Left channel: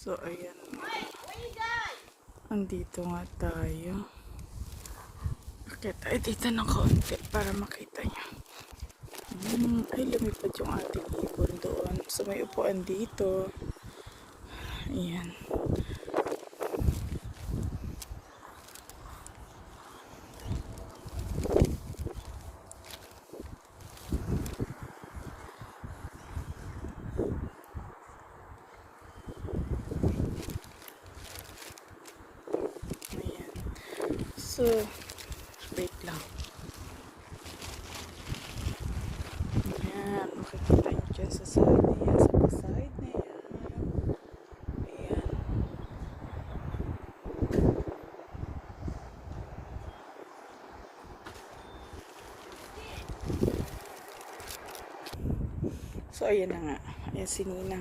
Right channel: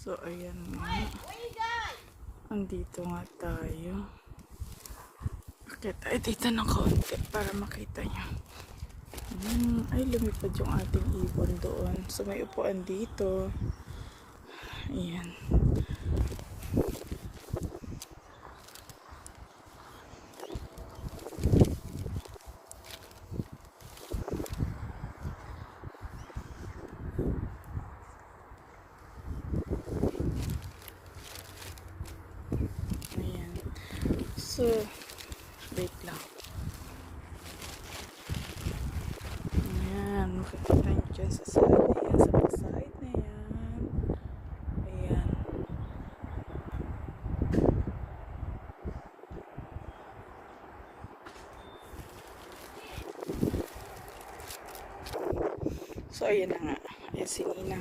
So, ayan nga. Andito nga tayo. Akit tayo dito ng kaunti para makita nyo. Ay, lumipad yung ating ibon doon. So, may upuan dito. Ayan. Ayan. So, wait lang. Ayan. Makikita nyo dyan sa side na yan. Sa side na yan. Ayan. So, ayan na nga. Ayan, sige na.